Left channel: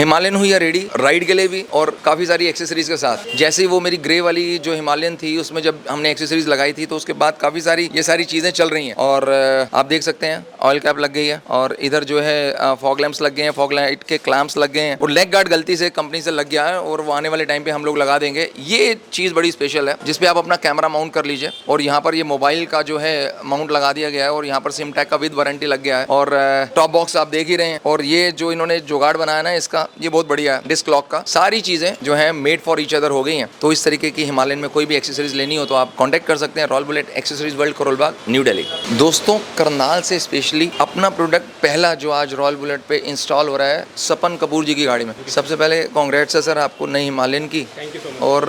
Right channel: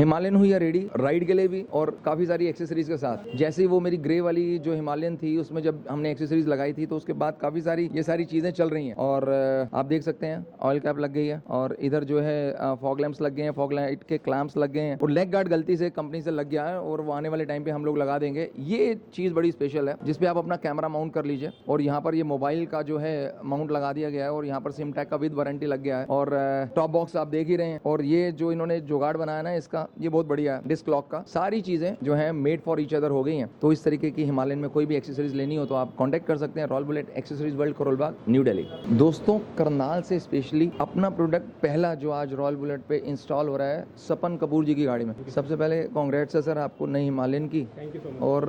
Himalayan हुई है ready ride के लिए भी और काफ़ी सारी एक्सेसरीज के साथ। जैसे वो मेरी ग्रे वाली जो हिमालयन थी उसमें जब हमने एक्सेसरीज लगाई थी तो उसके बाद काफ़ी सारी ये सारी चीज़ें चल रही हैं। और आप देख सकते हैं ऑयल कैप लग गई है और इधर जो है फॉग लैंप्स लग गए हैं, फॉग लाइट के क्लैंप्स लग गए हैं और लेग गार्ड गलती से कंपनी से लग गया है और वो आने वाले टाइम पे हम लोग लगा देंगे। ये चीज़ बड़ी स्पेशल है जिसपे आप अपना कैमरा माउंट कर लीजिए और यहाँ पर ये मोबाइल का जो है माउंट लगा दिया गया है और यहाँ पर सिम टैग का विद वारंटी लग गया है और टॉप बॉक्स आप देख ही रहे हैं। और ये जो इन्होंने जुगाड़ बनाया ना इसका, ये बहुत बढ़िया है। डिस्क लॉक का सारी चीजें जो है मेड फॉर ईच अदर हो गई हैं। तो इस तरीके की हिमालयन में कोई भी एक्सेसरीज लेनी हो तो आप कांटेक्ट कर सकते हैं royal bullet accessories world, Karol Bagh, new Delhi. दोस्तों करनाल से स्पेशली अपना प्रोडक्ट पहला जो आज रॉयल बुलेट पे इंस्टॉल हो रहा है सपन कपूर जी की गाड़ी में। सबसे पहले कांग्रेट्स है सर आपको नई हिमालयन की। और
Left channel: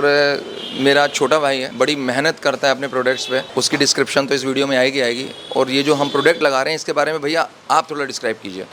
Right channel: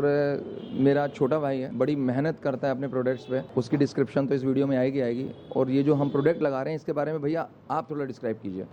मेरा छोटा भाई है, बड़ी मेहनत करता है अपने प्रोडक्ट्स पे, उसकी डिस्क्रिप्शन तो इस वीडियो में आएगी। और ये जो हम प्रोडक्ट लगा रहे हैं इसके बारे में भैया आप थोड़ा डिस्क्राइब कीजिए।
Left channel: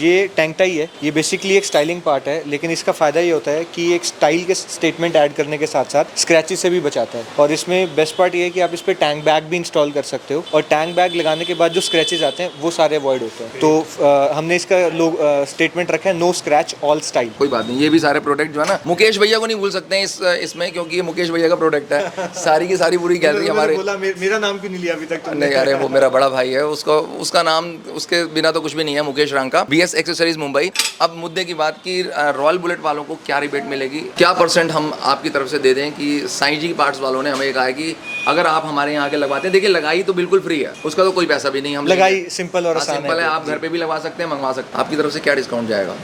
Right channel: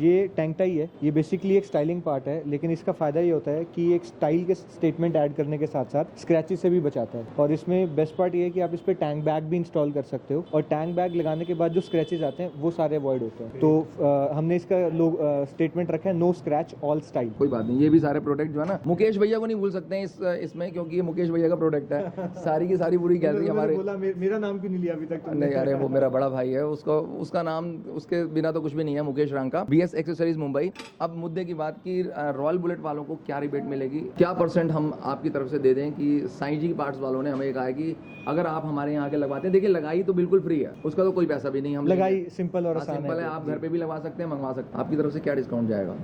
ये टैंक टाई है, ये बेसिकली एक स्टाइलिंग पार्ट है, लेकिन इसका फ़ायदा ये होता है कि एक स्टाइल के स्टेटमेंट ऐड करने के साथ साथ स्क्रैचेस से भी बचाता है। और इसमें बेस्ट पार्ट ये है कि आप इस पर टैंक बैग भी इंस्टॉल कर सकते हो और टैंक बैग लगाने के बाद जो स्क्रैचेस आते हैं वो सारे अवॉइड होते हैं। तो हमने इसका स्टेटमेंट रखा है नो स्क्रैच ऑल स्टाइल। कोई बात नहीं, ये भी सारे प्रोडक्ट जो है ना मुकेश भैया को नहीं भूल सकते हैं इसमें, क्योंकि ये मुकेश भैया का प्रोडक्ट है। सारी की सारी पूरी गैलरी हमारे। बोला मेरा नाम क्यों नहीं लिया अभी तक? नहीं अरे वो मेरा बड़ा भाई है, उसका नाम उसके बिना तो कुछ भी नहीं है, मुकेश रांका, BS एक्सेसरीज मुंबई। अब मुद्दे की बात की रॉयल बुलेट वालों को क्या रिबेट मिलेगी, क्या परसेंट हम आपकी तरफ से दे दें कि साईं जी पार्ट्स वालों ने हमें कहा है कि अगर आप हमारे यहाँ आके लगवाते हैं, देखिए लगाई तो बिल्कुल फ्री है, उसका तो कोई पैसा भी नहीं, हम लगाई सिंपल और आसान है, आप घर पे भी लगवा सकते हैं, मंगवा सकते हैं। आपकी तरफ से क्या डिस्काउंट जाएगा?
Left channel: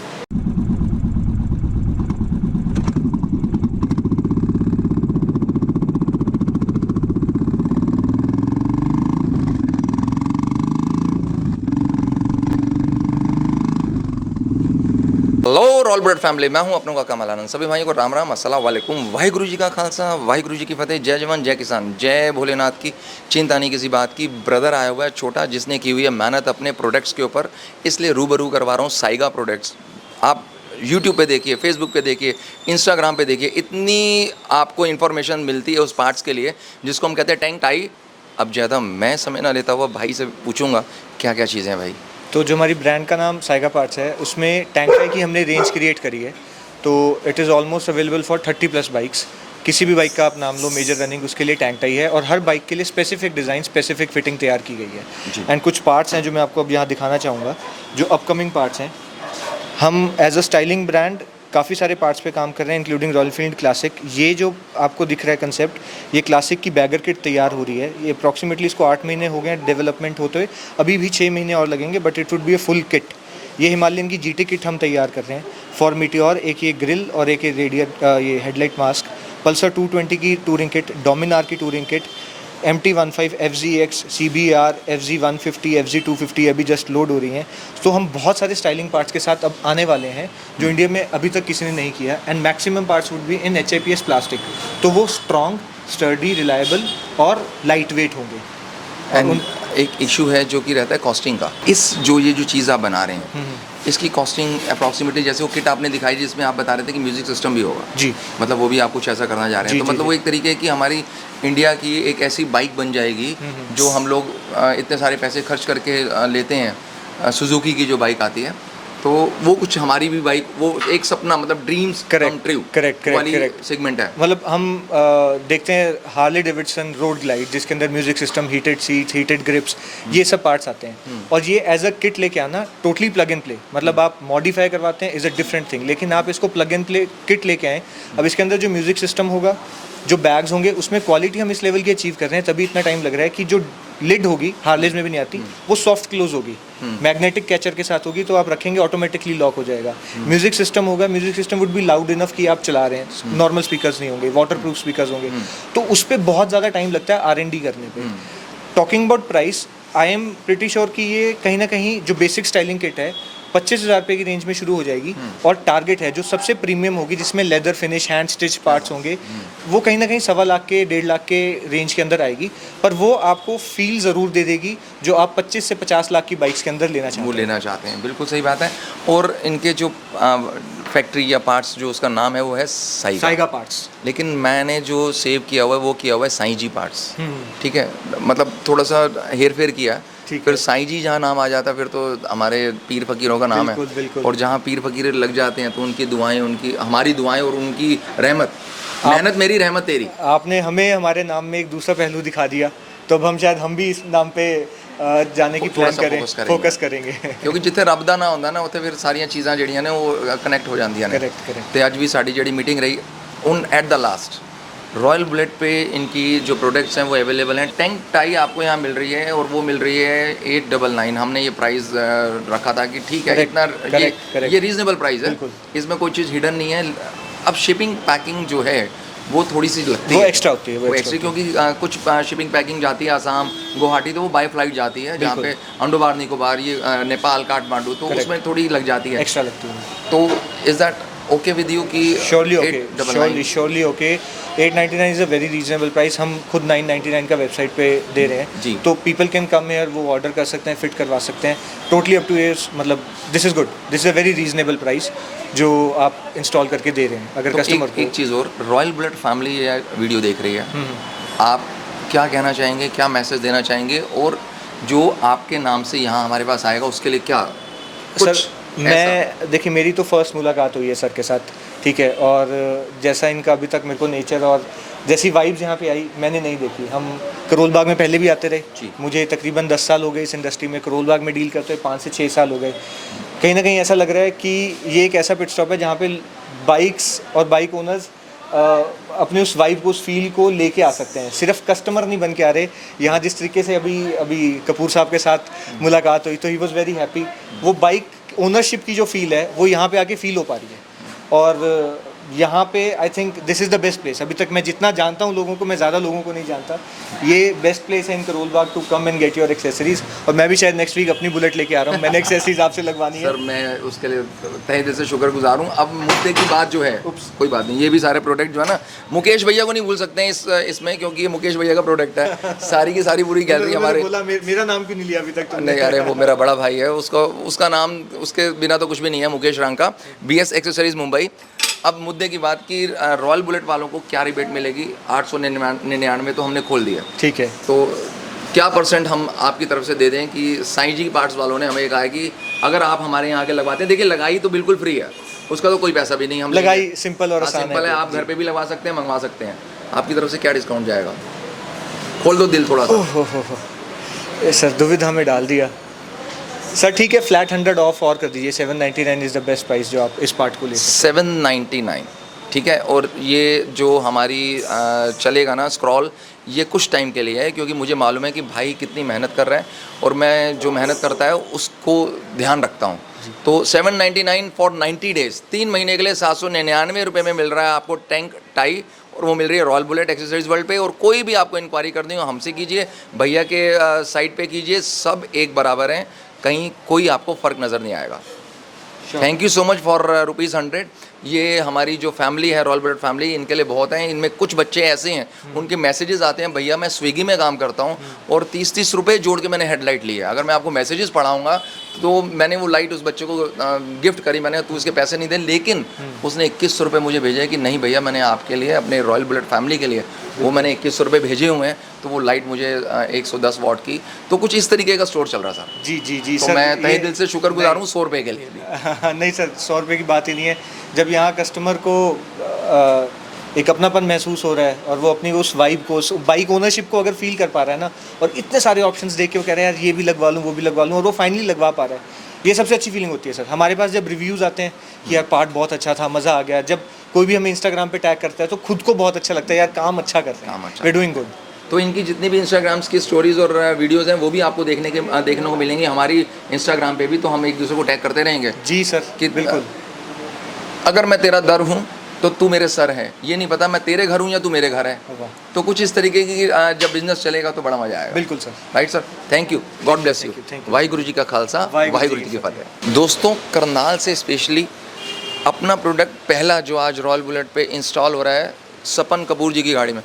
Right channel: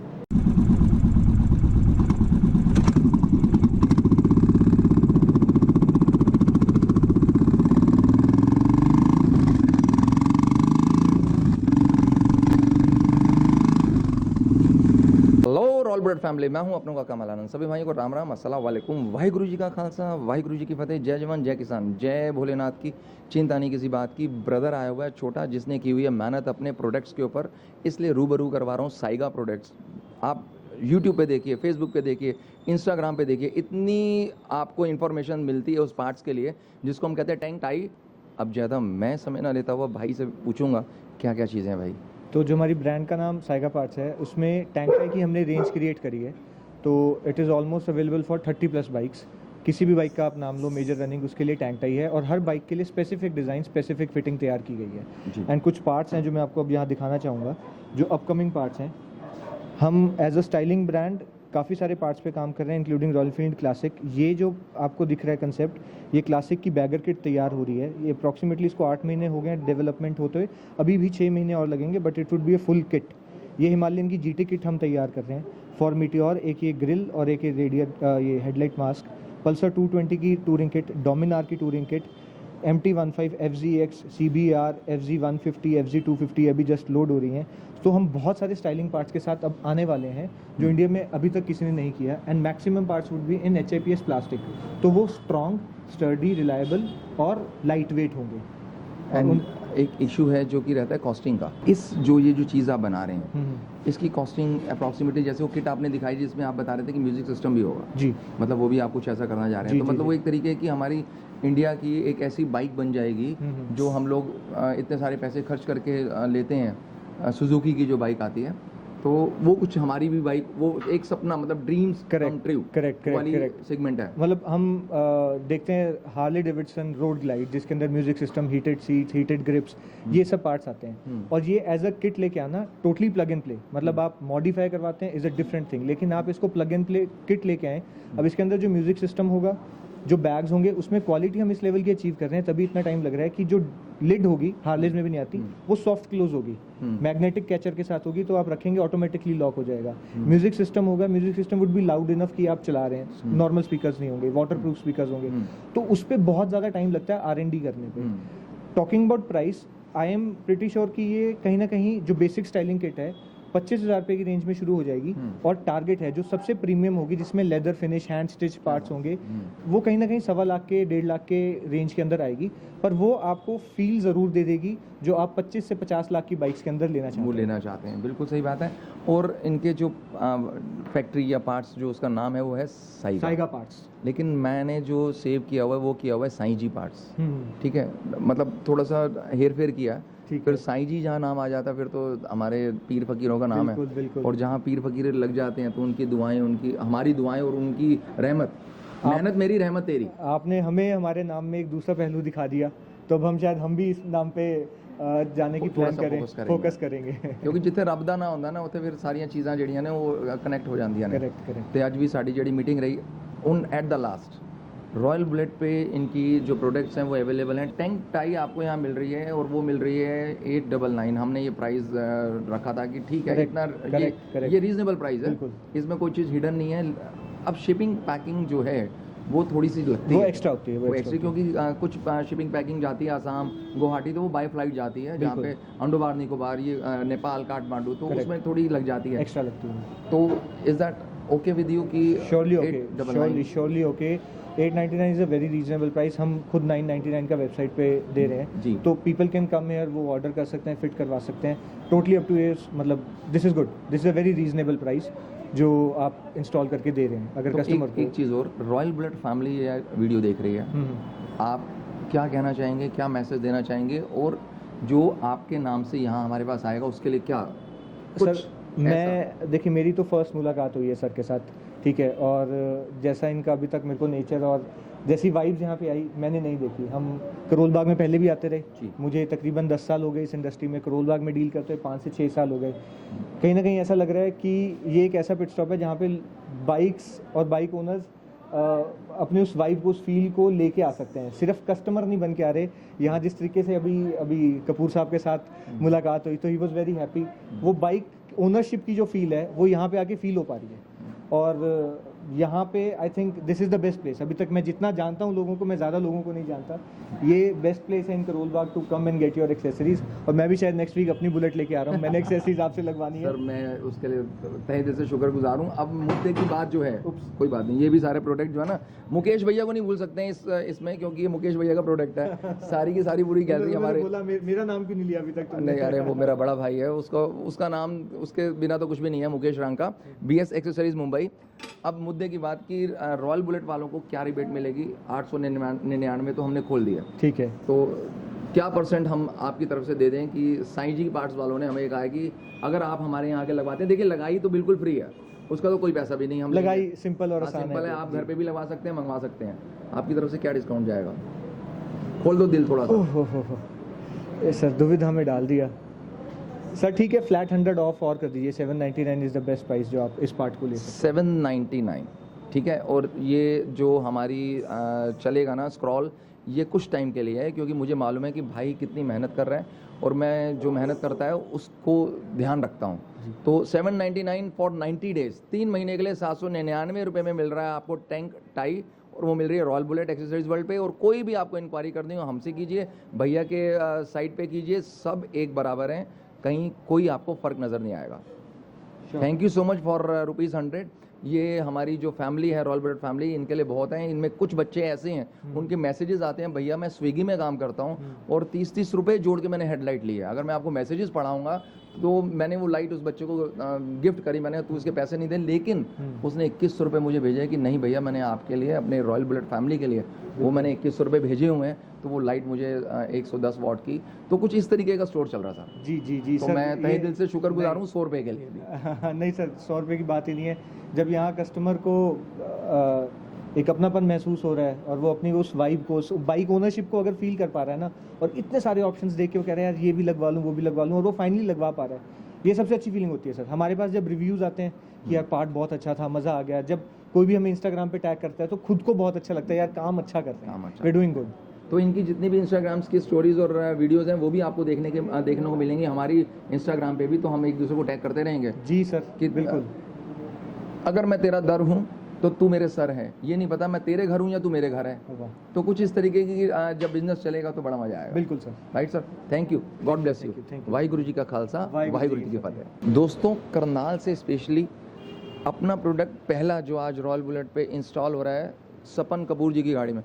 हेलो रॉयल बुलेट फैमिली, मैं हूं अपनों का कमल आनंद। सभी भाइयों को राम राम, अस्सलाम वालेकुम, वाहिगुरु जी का खालसा, वाहिगुरु जी की फतेह, जय जवान जय किसान, जय भोलेनाथ की। चिंता नहीं किसी बात की। ब्रदर आया हुआ है छोटा, जिसने की हुई है मेहनत अपने प्रोडक्ट्स के ऊपर, इसलिए रूबरू करवा रहा हूँ साइगा प्रोडक्ट्स। आप यूट्यूब पे देखिए, फेसबुक पे देखिए, इंस्टाग्राम पे देखिए, इतनी आपको इन्फॉर्मेशन मिलती है उस पार्ट्स के लिए जिसको हम कहते हैं टैंक टाई। अब ज़्यादा मैं समय ना लेता हुआ भाई से पूछूंगा क्या क्या चीज़ें हैं भाई। तो जो हमारी ब्रांड का नाम साइगा पार्ट्स है, उसमें टैंक टाई की हमने रेंज क्रिएट करी है। तो it is almost available for 30+ bikes. किसी भी बाइक का आप नाम लो मेजर रनिंग, उसके लिए टैंक टाई है और हर बाइक के लिए स्पेसिफिक डिज़ाइन, स्पेसिफिक फिटिंग तैयार की गई है। एंड कुछ पार्ट्स हैं जो मैं आपको अब यहाँ दिखाना चाहूँगा, जो अपकमिंग पार्ट्स हैं। हम एज अ स्टाइलिंग ब्रांड काफ़ी सारे पार्ट्स पे काम कर रहे हैं, इंक्लूडिंग रॉयल एनफील्ड क्लासिक। ये जो आपको दिख रहा है कंसेप्ट, ये क्लासिक की बैगर किट तैयार हो रही है। ये अप्रॉक्सीमेटली इसको 8 महीने हो गए हैं डेवलपमेंट होते हुए, अभी भी 6 महीने और लगेंगे, but it would be a full kit. ये हिमालयन की GT किट हम तैयार कर रहे हैं फॉर मीटियोर, एक ये ग्रिल और एक ये रेडियर ये हेडलाइट मास्क। पल्सर 220 की टूरिंग किट, डोमिनार की touring kit, MT-15 FZX, CBR, FZ150, FZ250 अभी जस्ट लोड हो रही हैं। तो हम बहुत सारे स्टाइलिंग पार्ट्स के साथ अब आने वाले हैं जो इंडिया में अभी तक किसी ने नहीं किया। And maximum parts would be in HIPS plastic, तो वो स्ट्रॉन्ग, स्टर्डी, रिलायबल और लाइट वेट होंगे। एंड एक इशू है जो कि रहता है कॉस्टिंग का। ये जो चीज़ आप बना रहे हैं इसकी कॉस्टिंग अप्रॉक्सीमेटली, जैसे वो किट आपने दिखाई जिसमें आप बता रहे थे कि म्यूजिक सिस्टम भी होगा जी, मतलब वो भी आप कुछ ऐसा करना चाह रहे हैं। तो मतलब वो एक तरीके की हमारी इंडिया की एक ऐसी बाइक बन जाएगी जो हम लोग इतने सारे पैसे खर्च करके लेते हैं। सुजुकी की जो बाइक आती है तो वो कुछ हमारी भी बाइक, वो एक सपना, मतलब dreams come true correct segment है। मतलब हम देखते हैं हार्ले डेविडसन रोड ग्लाइड, जिसके अंदर music system, heated seats, heated grips, ये सब पार्ट्स आते हैं। और ये एज अ किट लेके आना टोटली प्लग एंड प्ले, मतलब आप मॉडिफाई करवाते हैं इज़ अ डिफरेंट थिंग, लेकिन आप इसको प्लग एंड प्ले किट लेके आएँ। अब इसके अंदर जो म्यूजिक सिस्टम होगा, जो बैग्स होंगे, उसमें क्वालिटी हम इस लेवल की अचीव कर रहे हैं, तभी इतना टाइम लग रहा है कि जो लिड होगी, हार्लेज में भी नहीं आती, वो सॉफ्ट क्लोज होगी, मैग्नेटिक कैचर के साथ होगी, तो आप रखेंगे ऑटोमेटिकली लॉक हो जाएगा। म्यूजिक सिस्टम होगा, music system would be loud enough कि आप चला रहे हैं, नॉर्मल स्पीकर्स नहीं होंगे, वाटर प्रूफ स्पीकर्स होंगे, तो उस पर बहुत ज़्यादा टाइम लगता है R&D करने पे। Talking about price, I am pretty sure कि ये कहीं ना कहीं जो बेसिक स्टाइलिंग किट है 25,000 रुपये की रेंज में शुरू हो जाएगी। और टारगेट है जो सबसे प्रीमियम होगी, जिसमें leather finish, hand stitch parts होंगे, वो कहीं ना कहीं 1.25 लाख के 1.5 लाख के रेंज के अंदर आएगी। पर वो आपको फील ज़रूर दे देगी जो आप 25 से 50 लाख की बाइक्स के अंदर लेना चाहते हैं। बिल्कुल सही बात है। और इनके जो फैक्ट्री या पार्ट्स, जो उसका नाम है वो है साइगा पार्ट्स, लेकिन मैंने जो सेव किया हुआ है वो किया हुआ है साईं जी पार्ट्स। ठीक है, मतलब थोड़ा सा हेर फेर किया, ठीक फिर साईं जी जहाँ नाम आ जाता है फिर तो हमारे पीर फकीरों का नाम बिल्कुल, है। बिल्कुल। और जहाँ पीर फकीर लग जाते हैं तो उनकी दुआएं, उनकी हमारी दुआएं और उनकी रहमत, मेहनत मेरी रहमत तेरी। आपने हमें हमारे नाम में एक दूसरा पहलू दिखा दिया, तो अब हम शायद हम भी इस नाम पे जाने की थोड़ा प्लान सा करें, फोकस करेंगे। क्योंकि जिथे रब दा ना ਹੁੰਦਾ ना ਉੱਥੇ ਫਿਰ ਸਾਰੀਆਂ ਚੀਜ਼ਾਂ ਜਿਹੜੀਆਂ ਨੇ ਉਹ ਕਨੈਕਟ ਹੋ ਜਾਂਦੀਆਂ ਨੇ। Correct, correct. ਤੇ ਅੱਜ ਵੀ ਸਾਡੀ ਜਿਹੜੀ मीटिंग रही उन at the last royal bullet पे इनकी जो प्रोडक्ट्स हैं वो अवेलेबल हैं। टैंक टाई आपको यहाँ मिल रही है और वो मिल रही है 899। हमने ये प्राइस रखा था कि ठीक है Correct, इतना correct, correct. ये रीज़नेबल प्राइस है, बिल्कुल। इसमें कोई चीज़ हिडन नहीं है। अब शिपिंग पैकिंग जो है वो थोड़ी सी लगती वो है, एक्स्ट्रा होती है, वो वो extra एक्स्ट्रा, क्योंकि कुछ शिपिंग पैकिंग जाती है आसाम गुवाहाटी, तो वो बाय फ्लाइट जाती है, जहाँ पे अंडोबार निकोबार ये नेपाल काठमांडू, तो Correct. उसमें थोड़ी लग जाती है। एक्स्ट्रा लगती है। तो is that okay with you कि surely okay, 899? Surely okay. 899 is a very reasonable price. हम खुद 999 का वेबसाइट पे दे रहे हैं, जी। तो पीपल कैन कम हेयर, वो ऑर्डर कर सकते हैं, फिट करवा सकते हैं, टोटली अप टू ईयर्स। मतलब this is good, this is a very reasonable price जो आप इंस्टॉल करके दे रहे हैं। अगर तो कस्टमर एक चीज़ और, रॉयल बुलेट फैमिली ये वीडियो देख रही है, आप क्या कहना चाहेंगे, क्या मैसेज देना चाहेंगे, और जो आपके नाम से यहाँ हमारे पास आएगा उसके लिए क्या कुछ सर, मैं देखिए मेरी तो फर्स्ट मुलाकात हुई है सर के साथ, ठीक है, और जैसा इनका अभी तक मेरे को नेचर और जैसी वाइब्स यहाँ पे आई मैंने नहीं देखी। हम करोल बाग में पहले भी आते जी। रहे, मुझे तकरीबन 10 साल हो गए इस इंडस्ट्री में, करोल बाग में डील करते हुए 5 से 6 साल हो गए। कहीं ना कहीं ऐसा लग रहा है कि ये एक ऐसा पिट स्टॉप है जहाँ पे बाइक्स और बाइक ओनर्स अपने उस वाइब को, उस फील को लेके आ सकते हैं। सिर्फ कस्टमर नहीं बन के आ रहे यहाँ। जिस तरीके से अभी कपूर साहब के साथ मुलाकात हुई तो ही वॉज वेरी हैप्पी। वो बाइक ओनरशिप की जो फील है वो यहाँ पे आके फील हो पा रही है, और यहाँ पे I think this is the best place. अभी तक मैं जितना जानता हूँ लोगों को, मैं ज़्यादा लोगों को नहीं जानता, ये बेस्ट प्लेस है in Karol Bagh to come and get your accessories. और मैं भी शायद नेक्स्ट वीक अपनी बुलेट लेके आ रहा हूँ, मैंने एक्सेसरीज आपसे लगवानी है। सर मैं उसके लिए तहे दिल से शुक्रगुजार हूँ। अब मुद्दे की बात जो है, कोई बात नहीं, ये भी सारे प्रोडक्ट जो है ना, मुकेश भैया को नहीं भूल सकते हैं इसमें, क्योंकि ये मुकेश भैया का प्रोडक्ट है। सारी की सारी पूरी गैलरी हमारे। बोला मेरा नाम क्यों नहीं लिया अभी तक तुमने? नहीं, अरे वो मेरा बड़ा भाई है, उसका नाम उसके बिना तो कुछ भी नहीं है, मुकेश रंका, BS एक्सेसरीज मुंबई। अब मुद्दे की बात की, रॉयल बुलेट वालों को क्या रिबेट मिलेगी? 899 तो हमने खोल दिया, ठीक है। तो क्या परसेंट हम आपकी तरफ से दे दें कि साईं जी पार्ट्स वालों ने हमें कहा है कि अगर आप हमारे यहाँ आके लगवाते हैं, देखिए लगाई तो बिल्कुल फ्री है, उसका तो कोई पैसा भी नहीं, हम लगाई सिंपल और आसान सिंपल है, आप घर पे भी लगवा सकते हैं, मंगवा सकते हैं। आपकी तरफ से क्या डिस्काउंट जाएगा? खोल दो दिल थोड़ा सा। सर दुविधा में डाल दिया सर। ठीक है, फ्लैट 100 ऑफ और कर दीजिए। 799 इज़ द बेस्ट प्राइस जो आप इस पार्ट को ले सकते 799, ठीक है। और ये जो हमारी चलेगा ना स्क्रॉल, ये कुछ टाइम के लिए है, क्योंकि मुझे मालूम है कि भाई कितनी मेहनत कर रहा है, और मैं जो मेहनत करता है उसको ध्यान रखता हूँ। तो 799 फॉर 90 डेज़, 3 महीने के लिए 799 रुपये में मिल रहा है आपको टैंक टाई, और वो मिल रही है रॉयल बुलेट एक्सेसरीज वर्ल्ड पे। और कोई भी आपको इंक्वायरी करनी हो हमसे कीजिए, भैया के साइट पे कीजिए, सब एक बराबर हैं, कहीं कोई आपको फ़र्क नज़र नहीं आएगा। Thank you so much for ₹100। ये हमारी जो फैमिली है, रॉयल बुलेट फैमिली, इनके लिए बहुत हैं। इनमें कुछ बच्चे ऐसे हैं, उनके मैसेजेस आते हैं, भैया मैं स्विगी में काम करता हूँ और 30-30 रुपये जोड़ के मैंने हेडलाइट ली है। अगर मैं आपको मैसेजेस पढ़ाऊँगा तो मैंने वो लाइट उस बच्चे को गिफ्ट करी, मैंने, तू इसके पैसे नहीं दे, लेकिन उसने 21 रुपये मुझे भेजे है कि नहीं भैया मैंने आपके लिए, अपने रॉयल बुलेट फैमिली के लिए वो मैंने 21 रुपये भेजे हुए हैं, तो वो लाइट मुझे 110 वॉट की। तो कुछ इस तरीके का स्टोर चल रहा था। जी जी जी तो सर, मैं तहे दिल से शुक्रगुजार हूँ 100 रुपये के लिए भी। नहीं सर, 100 रुपये की बात ही नहीं है। जब यहाँ कस्टमर को एक अपनापन महसूस हो रहा है और वो अपनी उस वाइब को, उस बाइक ओनरशिप को अगर फील कर पा रहा है ना, और इतने सारे ऑप्शंस देख के वो कह रहे हैं यार ये भी लगवा लूँ, वो भी लगवा लूँ, और वो फाइनली लगवा पा रहा है, ये सबसे अच्छी फीलिंग होती है सर। हमारे पास जब रिव्यूज़ आते हैं कि यार पार्ट बहुत अच्छा था, मज़ा आ गया, जब कोई भी हमें इंस्टाग्राम पे टैग करता है तो खुद को बहुत अच्छा लगता है, यार काम अच्छा कर रहे हैं, वी डूइंग गुड। तो इनकी जितनी भी इंस्टाग्राम्स की स्टोरीज़ और वीडियोज़ हैं वो भी आपको देखने को मिलेंगी हमारी इंस्टाग्राम पे भी। तो हम एक दूसरे को टैग करते रहेंगे जी सर, कि बिल्कुल। अगर मैं तेरा दर हूँ तो तू मेरे सर है, ये नहीं पता मैं तेरे घर हूँ या तू मेरे घर है। तो कुछ इस तरीके की जब बिजनेस चलेगा तो बड़ा मजा आएगा। बिल्कुल sir. Right sir, thank you, God bless you. Waheguru ji का खालसा, वाहिगुरु जी की फतेह। दोस्तों, करनाल से स्पेशली अपना प्रोडक्ट पहला जो आज रॉयल बुलेट पे इंस्टॉल हो रहा है सपन कपूर जी की गाड़ी में।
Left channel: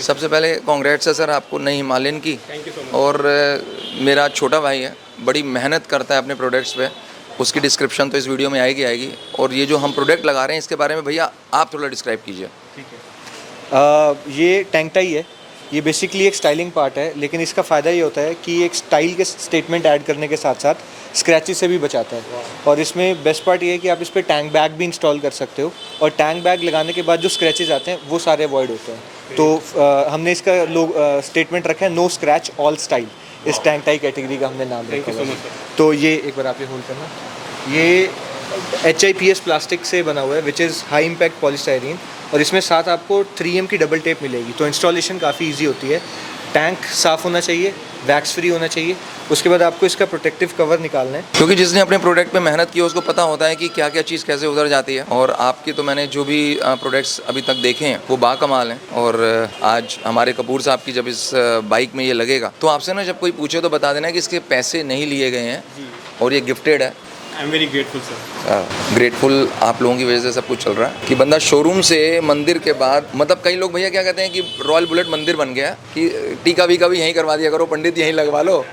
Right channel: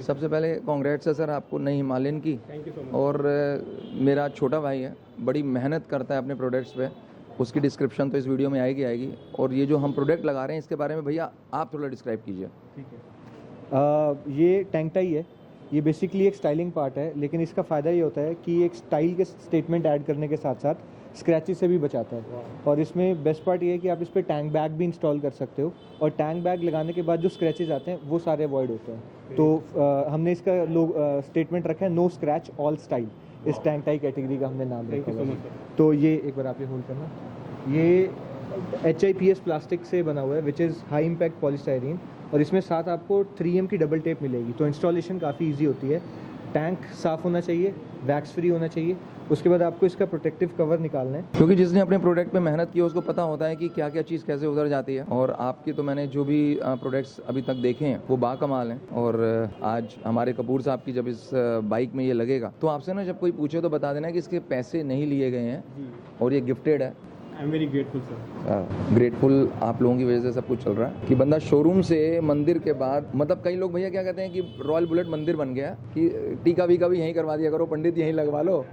सबसे पहले कॉन्ग्रेट्स है सर आपको नई हिमालयन की। और मेरा छोटा भाई है, बड़ी मेहनत करता है अपने प्रोडक्ट्स पे, उसकी डिस्क्रिप्शन तो इस वीडियो में आएगी। और ये जो हम प्रोडक्ट लगा रहे हैं इसके बारे में भैया आप थोड़ा डिस्क्राइब कीजिए। ठीक है, ये टैंक टाई है, ये बेसिकली एक स्टाइलिंग पार्ट है, लेकिन इसका फ़ायदा ये होता है कि एक स्टाइल के स्टेटमेंट ऐड करने के साथ साथ स्क्रैचेस से भी बचाता है। और इसमें बेस्ट पार्ट ये है कि आप इस पर टैंक बैग भी इंस्टॉल कर सकते हो, और टैंक बैग लगाने के बाद जो स्क्रैचेस आते हैं वो सारे अवॉइड होते हैं। तो हमने इसका स्टेटमेंट रखा है नो स्क्रैच ऑल स्टाइल। इस टैंक टाई कैटेगरी का हमने नाम रखा है। तो ये एक बार आप ये होल्ड करना, ये HIPS प्लास्टिक से बना हुआ है, which is high impact polystyrene, और इसमें साथ आपको 3M की डबल टेप मिलेगी। तो इंस्टॉलेशन काफ़ी इजी होती है। टैंक साफ़ होना चाहिए, वैक्स फ्री होना चाहिए, उसके बाद आपको इसका प्रोटेक्टिव कवर निकालना है। क्योंकि जिसने अपने प्रोडक्ट पे मेहनत की है उसको पता होता है कि क्या क्या चीज़ कैसे उधर जाती है। और आपके तो मैंने जो भी प्रोडक्ट्स अभी तक देखे हैं वो बाकमाल हैं। और आज हमारे कपूर साहब की जब इस बाइक में ये लगेगा तो आपसे ना जब कोई पूछे तो बता देना कि इसके पैसे नहीं लिए गए हैं और ये गिफ्टेड है। I am very grateful sir. Grateful आप लोगों की वजह से सब कुछ चल रहा है कि बंदा शोरूम से मंदिर के बाद, मतलब कई लोग भैया क्या कहते हैं कि रॉयल बुलेट मंदिर बन गया कि टीका वीका भी यहीं करवा दिया करो, पंडित यहीं लगवा लो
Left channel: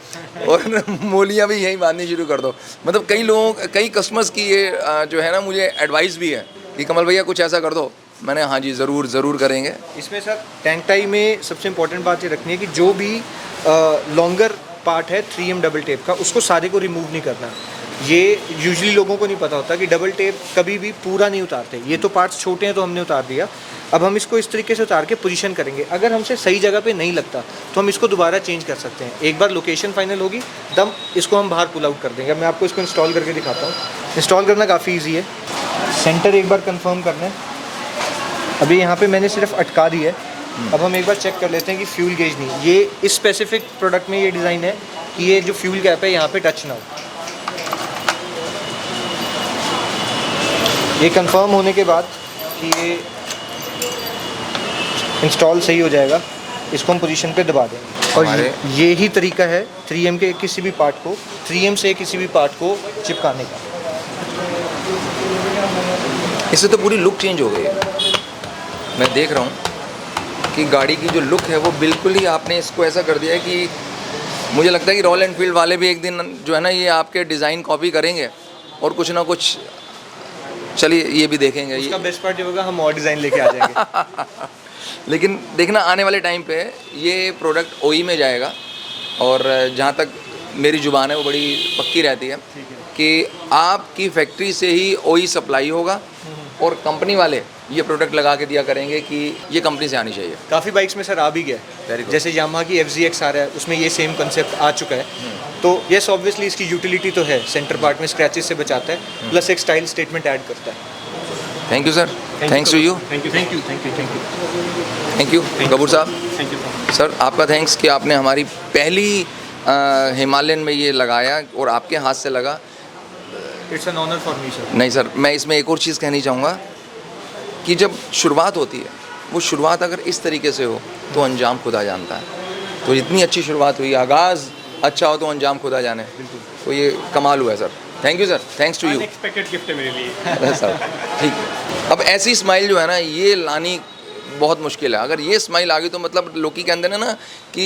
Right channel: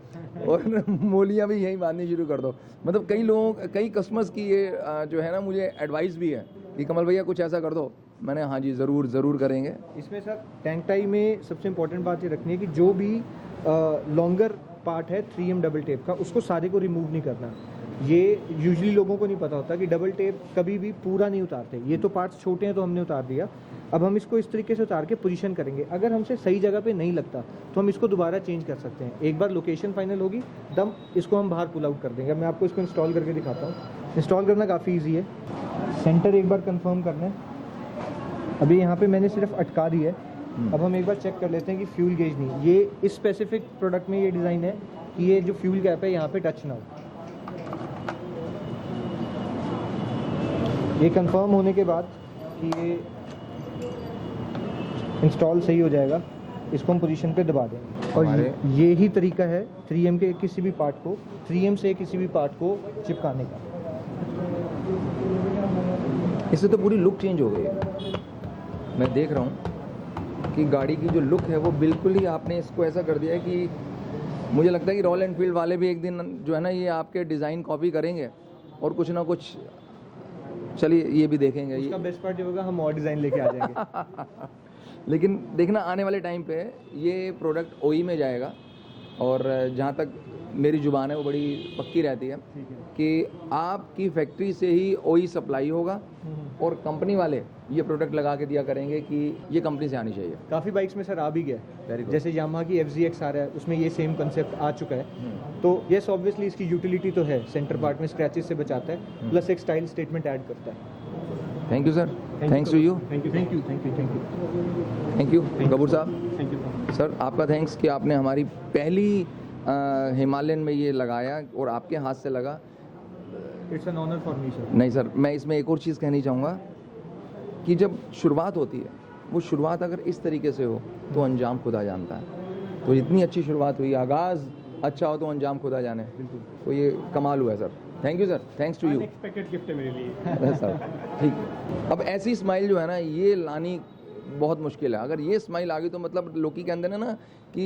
और मोलियाँ भी यहीं बांधनी शुरू कर दो। मतलब कई लोगों, कई कस्टमर्स की ये जो है ना मुझे एडवाइस भी है कि कमल भैया कुछ ऐसा कर दो। मैंने हाँ जी ज़रूर करेंगे। इसमें सर टैंक टाई में सबसे इंपॉर्टेंट बात ये रखनी है कि जो भी लॉन्गर पार्ट है 3M डबल टेप का, उसको सारे को रिमूव नहीं करना। ये यूजुअली लोगों को नहीं पता होता कि डबल टेप कभी भी पूरा नहीं उतारते। ये तो पार्ट्स छोटे हैं तो हमने उतार दिया। अब हम इसको इस तरीके से उतार के पोजीशन करेंगे। अगर हमसे सही जगह पे नहीं लगता तो हम इसको दोबारा चेंज कर सकते हैं। एक बार लोकेशन फाइनल होगी तब इसको हम बाहर पुल आउट कर देंगे। अब मैं आपको इसको इंस्टॉल करके दिखाता हूँ। इंस्टॉल करना काफ़ी ईजी है। सेंटर एक बार कन्फर्म करना है। अभी यहाँ पर मैंने सिर्फ अटका दी है। अब हम एक बार चेक कर लेते हैं कि फ्यूल गेज नहीं, ये इस स्पेसिफिक प्रोडक्ट में ये डिज़ाइन है कि ये जो फ्यूल गैप है यहाँ पे टच ना हो। ये कंफर्म होने के बाद कि ये इंस्टॉल सही हो जाएगा, इसको हम पोजीशन पे दबा देंगे। और ये ही तरीका है 3M के किसी भी पार्ट को, 3M से किसी भी पार्ट को चिपकाने का। इससे तो पूरी लुक चेंज हो गई है। मैं देख रहा हूँ कि गाड़ी की जो लुक है वो बिल्कुल ही आपने इसको ऐसा कर दिया है कि मुझे लगता है कि रॉयल एनफील्ड वाले भी एक दिन जो है ना ये आपके डिज़ाइन कॉपी करेंगे और कुछ ना कुछ, चलिए ये भी देखेंगे। उसका बेस्ट पार्ट ये होगा हम और डिज़ाइन लेके आ जाएंगे। लेकिन देखना आने वाले टाइम पे ये प्रोडक्ट OE में जाएगा। और जहाँ तक मेरी ज़ुबान है वो बड़ी पक्की रहती है कि आपकी फैक्ट्री से ही OE सप्लाई होगा और कंपनी वाले ये प्रोडक्ट लगा के दिया करेंगे कि ये कंपनी से आनी चाहिए। काफ़ी बाइक्स में सर आ भी गया, जैसे यामाहा की FZX आ रहा है, उसमें ये सेम कंसेप्ट आ चुका है। तो येस ऑब्वियसली इसकी यूटिलिटी तो है, सेंटर पार्ट में स्क्रैचेस से बचाता है, प्लस एक स्टाइल स्टेटमेंट ऐड करता है। Thank you sir, thanks to you, thank you Kapoor साहब। थैंक यू सर आपका थैंक्स कि आपने हमारी पहली हिमालयन में ये लगाया और आपके हाथ से लगा। It's an honour for me sir. नहीं सर, मैं इसमें एक और चीज़ कहनी चाहूँगा कि जब शुरुआत होती है वो शुरुआत अगर इस तरीके से हो तो अंजाम खुदा जानता है। तो इतनी अच्छी शुरुआत हुई, आगाज़ अच्छा हो तो अंजाम खुदा जाने। तो ये कमाल हुआ है sir. Thank you sir, thanks to you. Unexpected gift है मेरे लिए। अरे सर ठीक। अब ऐसी स्माइल जो है ना ये लानी बहुत मुश्किल है। अगर ये स्माइल आ गई तो मतलब लोग कहते हैं ना कि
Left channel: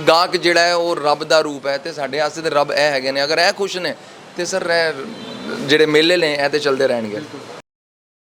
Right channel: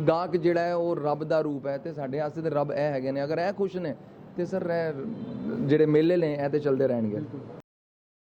गाहक ਜਿਹੜਾ है वो रब ਦਾ रूप है ਤੇ ਸਾਡੇ ਵਾਸਤੇ ਤੇ ਰੱਬ ਇਹ ਹੈਗੇ ਨੇ। अगर ਇਹ खुश ने तो सर ਜਿਹੜੇ मेले ने ਇਹ ਤੇ चलते रहणगे।